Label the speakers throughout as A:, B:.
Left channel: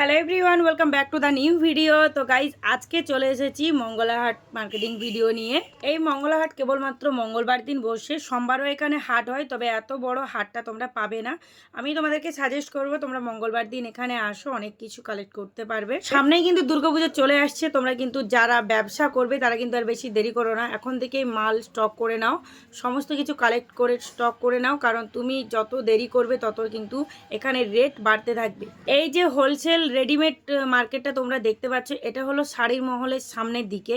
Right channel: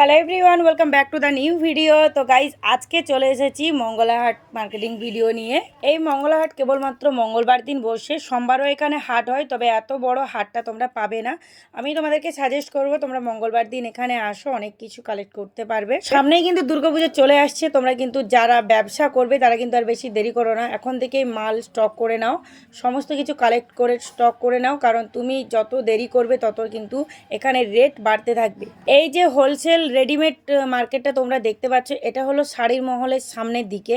A: Hello everyone welcome back to the new video তো guys আজকে চলে এসেছি মঙ্গলাহাট মার্কেটিং ভিডিও নিয়ে। এই মঙ্গলাহাট কেবলমাত্র মঙ্গলবার দিন বসে, সোমবারও এখানে হাট হয়, তবে এত বড় হাটটা তোমরা পাবে না। আমি তোমাদেরকে সাজেস্ট করব, তোমরা মঙ্গলবার দিন এখানে আসো, অনেক কিছু কালেক্ট করতে পারবে। সামনেই কিন্তু দুর্গাপুজো চলে আসছে, তোমরা কিন্তু যারা ব্যবসা করবে, তারা কিন্তু আর বেশি দেরি করো না। এখন থেকেই মাল স্টক করে নাও, সমস্ত কিছু কালেক্ট করে স্টক করে নাও, কারণ তুমি যত দেরি করবে, তত কিন্তু এখানে রেট বাড়তে থাকবে। এই যে হোলসেল রেডিমেড মার্কেটটা তোমরা দেখতে পাচ্ছ। এটা হলো শাড়ির মহলের সামনের দিকে।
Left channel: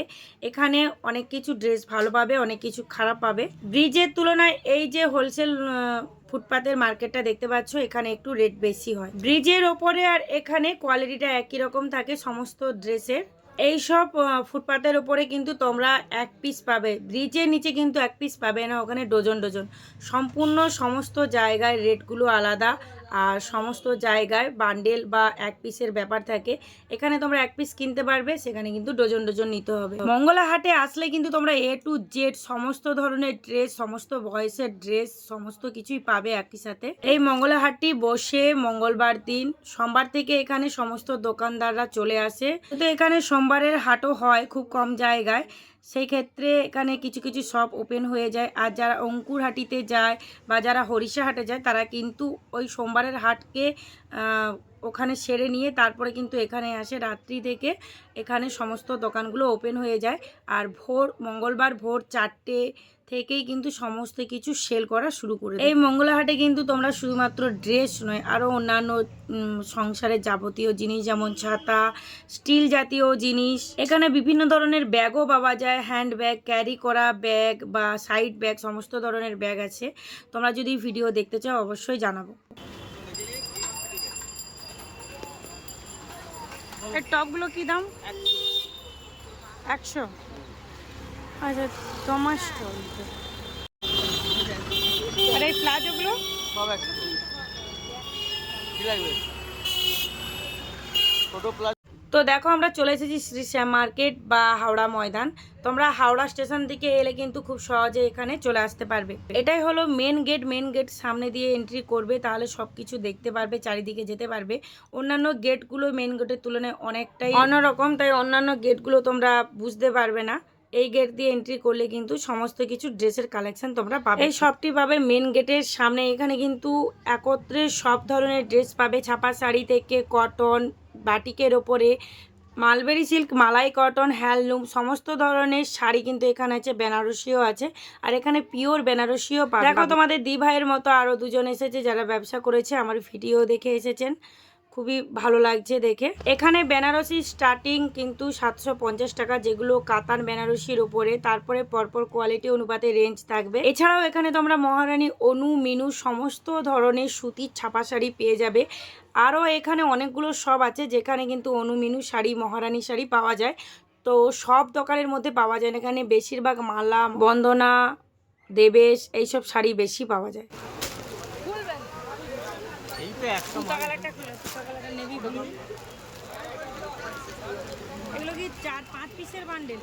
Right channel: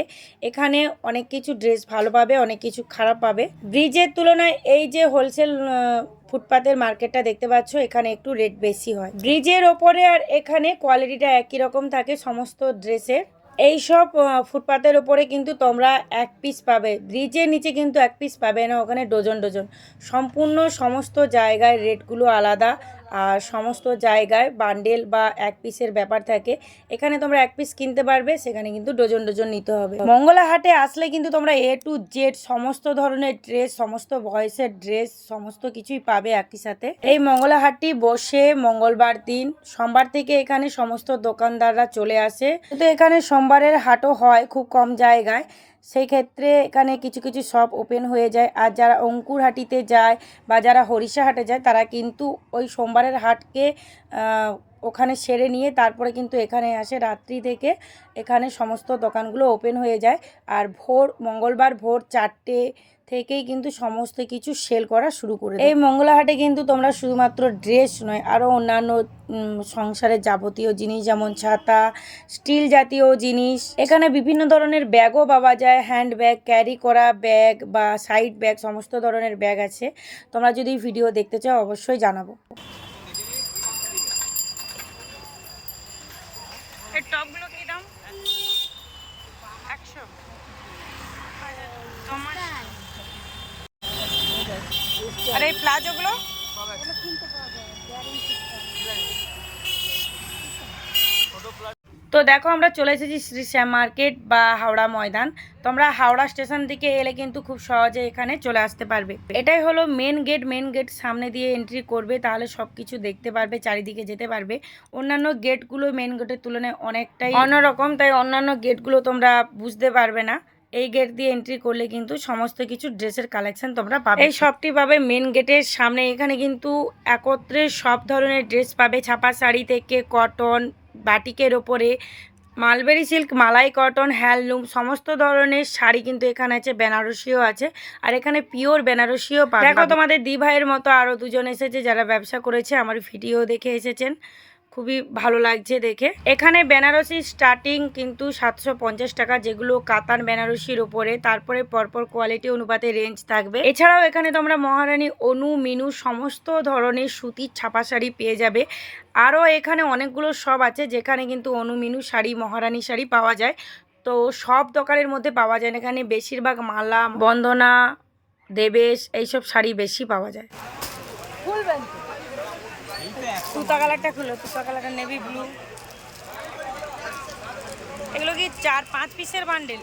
A: এখানে অনেক কিছু ড্রেস ভালো পাবে, অনেক কিছু খারাপ পাবে। ব্রিজের তুলনায় এই যে হোলসেল ফুটপাতের মার্কেটটা দেখতে পাচ্ছ, এখানে একটু রেট বেশি হয়। ব্রিজের ওপরে আর এখানে কোয়ালিটিটা একই রকম থাকে সমস্ত ড্রেসের এই সব ফুটপাতের ওপরে কিন্তু তোমরা এক পিস পাবে। ব্রিজের নিচে কিন্তু এক পিস পাবে না, ওখানে ডজন ডজন সম্পূর্ণ সমস্ত জায়গায় রেটগুলো আলাদা। আর সমস্ত জায়গায় বান্ডেল বা এক পিসের ব্যাপার থাকে, এখানে তোমরা এক পিস কিনতে পারবে, সেখানে কিন্তু ডজন ডজন নিতে হবে। মঙ্গলা হাটে আসলে কিন্তু তোমরা এ টু জেড সমস্ত ধরনের ড্রেস সমস্ত বয়সের ড্রেস সমস্ত কিছুই পাবে একই সাথে। এই মঙ্গলা হাটটি বসে মঙ্গলবার দিন, সোমবার থেকে এখানে সমস্ত দোকানদাররা চলে আসে। কিন্তু এখানে সোমবারের হাটও হয় খুব কম জায়গায় সেই ক্ষেত্রে এখানে কিছু কিছু শপ ওপেন হয়ে যায়। আর যারা অঙ্কুরহাটিতে যায় বা যারা হরিষা হাটে যায়, তারা কিন্তু ওই সোমবারের হাটকে ওখানে সেরে নিয়ে তারপরে কিন্তু এখানে আসে। রাত্রি থেকে এখানে সমস্ত দোকানগুলো ওপেন হয়ে যায়। আর ভোর, মঙ্গলবার ভোর চারটে থেকেই কিন্তু সমস্ত কিছু সেল করা শুরু করে। এই মঙ্গলাহাটে কিন্তু তোমরা শুধুমাত্র ড্রেস নয় আরও অন্যান্য সংসারের যাবতীয় জিনিস যেমন ছাতা স্টিল জাতীয় জিনিস। এখানে বিভিন্ন ধরনের ব্যাগও পাওয়া যায় হ্যান্ড ব্যাগ ক্যারি করা ব্যাগ বা সাইড ব্যাগ সমস্ত ধরনের ব্যাগ আছে। তোমরা যদি ভিডিও দেখতে চাও অবশ্যই জানাব। এই টপগুলো কি দাম? একশো। আচ্ছা। আর এই প্লাজোগুলো? তো দেখো, আমরা চলে এসেছি শ্রী শ্যাম মার্কেট বা হাওড়া ময়দান। তোমরা হাওড়া স্টেশন থেকে এলে কিন্তু খুব সহজে এখানে চলে আসতে পারবে। এটাই হলো মেন গেট মেন গেট সামনে দিয়ে এন্ট্রি করবে, তাহলে সব কিছু দেখতে পারবে, চারিদিকে যেতে পারবে। অন্যান্য গেটগুলো মেন গেটের তুলনায় অনেকটাই অন্যরকম, তাই অন্যান্য গেটগুলো তোমরা বুঝতে পারবে না। এই গেট দিয়ে এন্ট্রি করলে কিন্তু সমস্ত কিছু ড্রেসের কালেকশন তোমরা পাবে। এই শপটি পাবে মেন গেটের সামনে। এখানে কিন্তু একত্রে সব ধরনের ড্রেস পাবে। ছাপা শাড়ি থেকে কটন বাটিকের ওপরে মালবেরি সিল্ক মালাই কটন হ্যান্ডলুম সমস্ত ধরনের শাড়ি কিন্তু এখানে আছে বেনারসিও আছে। আর এখানে পিওর বেনারসিও পাবে। দেখো তোমাদের দি ভাইয়ের মতো আরও দুজন এসেছে যারা ব্যবসা করেছে আমার ভিডিও দেখে এসেছেন। খুবই ভালো লাগছে দেখে। এখানে বেনারসি স্টার্টিং কিন্তু সাতশো পঞ্চাশ টাকা, যেগুলো কাতান বেনারসির উপরে। তারপরে পরপর কোয়ালিটি অনুপাতে রেঞ্জ থাকবে। এছাড়াও এখানে তোমরা মহারানী অনু, মিনু সমস্ত ধরনের সুতির ছাপা শাড়ি পেয়ে যাবে। আরও এখানে অনেকগুলো সব আছে, যেখানে কিন্তু অনু, মিনু শাড়ি, মহারানী শাড়ি পাওয়া যায়। তো সব দোকানের মধ্যে পাওয়া যায় এখানে বেশিরভাগ মালা, বন্দনা, দেবেশ, এইসব শাড়ি বেশি পাওয়া যায়। তুতা কালারটা খুলো, তুতা কালারটা নেভি ব্লু এগুলো কি চার, পাঁচ পিসের বান্ডেল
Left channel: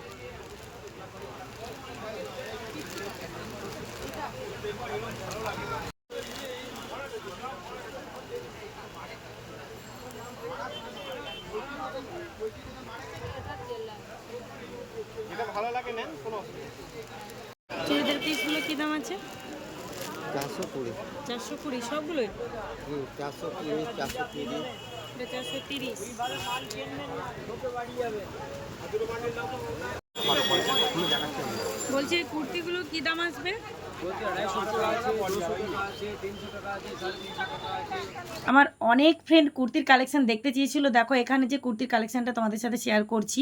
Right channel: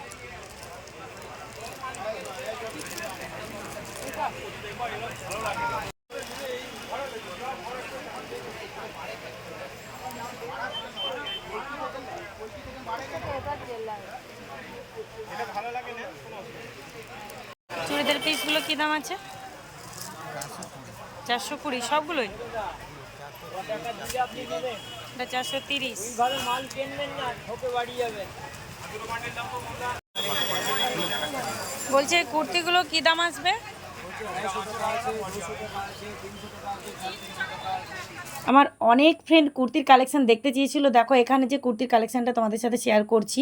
A: চুড়িদার পিসগুলো কি দাম আছে?
B: চারশো কুড়ি।
A: সবগুলোই? এটা চারশো তিরিশ। বলছি কুর্তিগুলো কি দাম আসবে? আমার অনেক ফ্রেন্ড কুর্তির কালেকশন দেখতে চেয়েছিল। দেখো এখানে যে কুর্তির কালেকশনটা তোমাদের সাথে শেয়ার করছি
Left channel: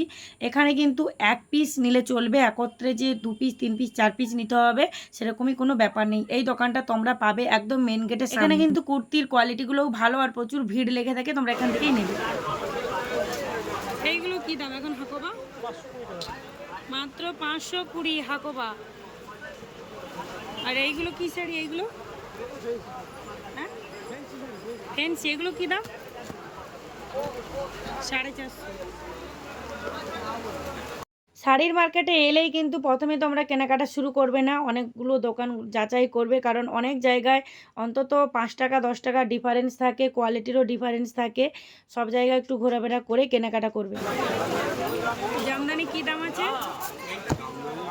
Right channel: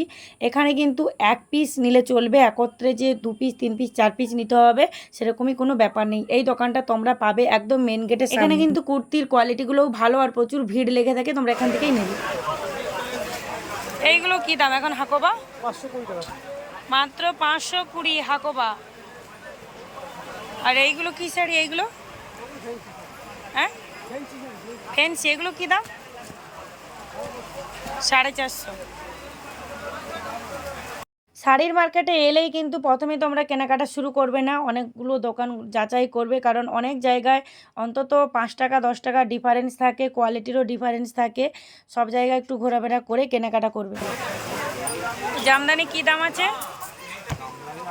A: এখানে কিন্তু এক পিস নিলে চলবে একত্রে যে দু পিস তিন পিস চার পিস নিতে হবে সেরকমই কোনো ব্যাপার নেই। এই দোকানটা তোমরা পাবে একদম মেন গেটে এখানে কিন্তু কুর্তির কোয়ালিটিগুলোও ভালো আর প্রচুর ভিড় লেগে থাকে তোমরা এখান থেকেই নেবে। এইগুলো কি দাম? এখন হাকোবা? মাত্র পাঁচশো কুড়ি হাকোবা। আর এইগুলো কি শাড়ি এইগুলো? হ্যাঁ? ফেন্সি এগুলো কি দাম? সাড়ে চারশো। শাড়ির মার্কেটে এলেই কিন্তু প্রথমে তোমরা কেনাকাটা শুরু করবে না অনেকগুলো দোকান যাচাই করবে কারণ অনেক জায়গায় অন্তত পাঁচ টাকা দশ টাকা ডিফারেন্স থাকে কোয়ালিটিরও ডিফারেন্স থাকে সব জায়গায় একটু ঘোরাফেরা করে কেনাকাটা করবে। জামদানি কি দাম আছে?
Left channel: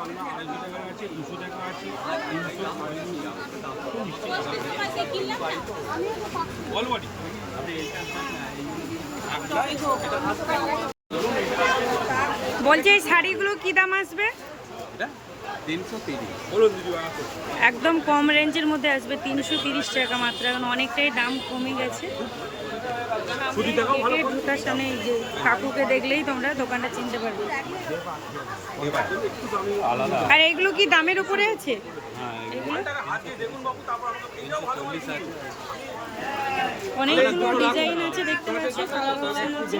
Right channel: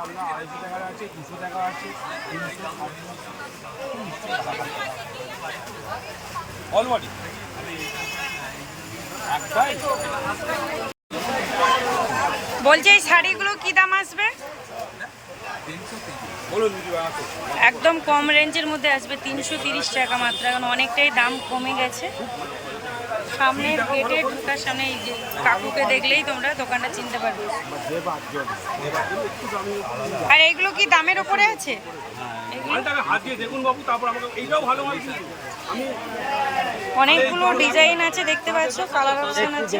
C: আপনার আড়াইশো টাকার আছে দুশো টাকা আছে তিনশো আড়াইশো অল বডি
A: বলছি এই শাড়িগুলো কি দাম আসবে? একদম কম রেঞ্জের মধ্যে আসবে তিনশো তিরিশ টাকা মাত্র এখন অনেকটাই দাম কমে গেছে। সামনে গেটে ঢোকার সামনে যে কাকুকে দেখলেই তোমরা দোকানটা চিনতে পারবে। আর এগুলো কি দামের ওপরে আছে? অনেকগুলো ডিজাইন আছে, দেখতে পাচ্ছ, কালার অপশন আছে।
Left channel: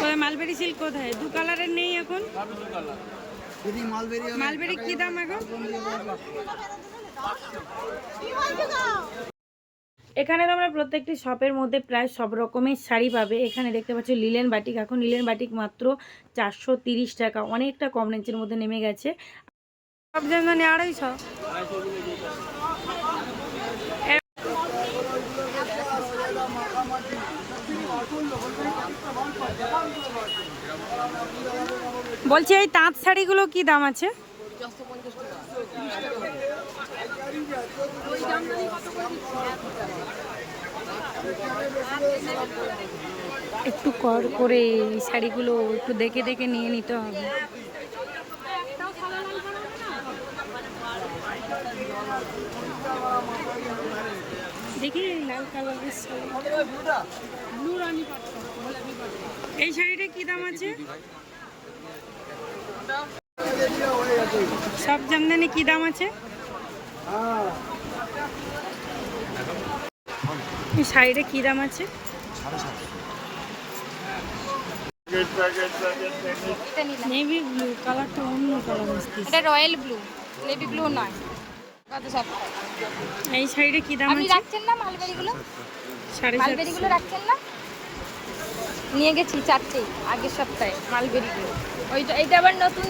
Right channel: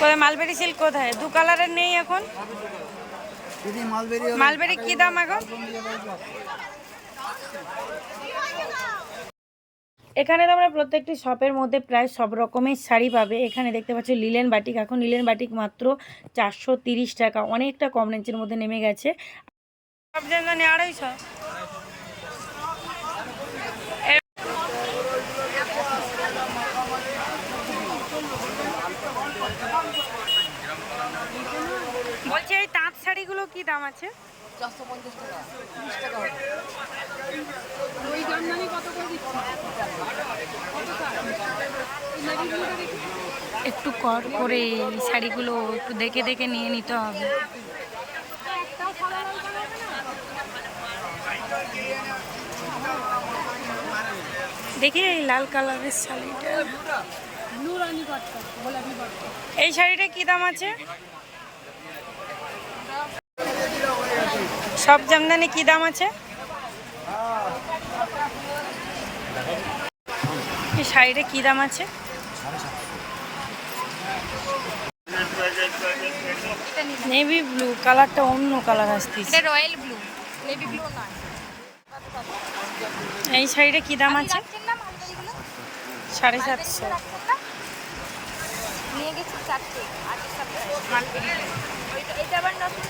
A: তবে মালবেরি সিল্ক কোথায়? দু কালারের নেই এখন?
B: মালবেরি
A: মালবেরি কি দাম এখন? এখানে তোমরা প্রত্যেকটি শপের মধ্যে প্রায় সব রকমের শাড়ি পাবে। এখানে দেখতে পাচ্ছ লিলেন বাটিক। এখন লিলেন বাটিক মাত্র চারশো তিরিশ টাকা। অনেকটা কম রেঞ্জের মধ্যে নেমে গেছে। সব জানি আড়াইশো বলছি এই তাঁত শাড়িগুলো কি দাম আছে? একটু কর করে এই শাড়িগুলো একটু দেখে দেখে নিয়ে নিতে হবে। দেখি এই লাল কালারের শাড়িটা। এই শাড়িটা কি দাম আছে? সব জামদানি কি দাম আছে? এই শাড়িটা কি দাম আছে? নেভি ব্লু কালারটা অন্য কালার আসতেছে।
D: এটা রয়্যাল ব্লু নেভি ব্লু নয়।
A: এই শাড়িটা কি দাম আছে? সাড়ে সাতশো।
D: নিয়ে গেছি চারটে আগের সপ্তাহে মালগুড়িতে। ওইটা এইটা আবার নতুন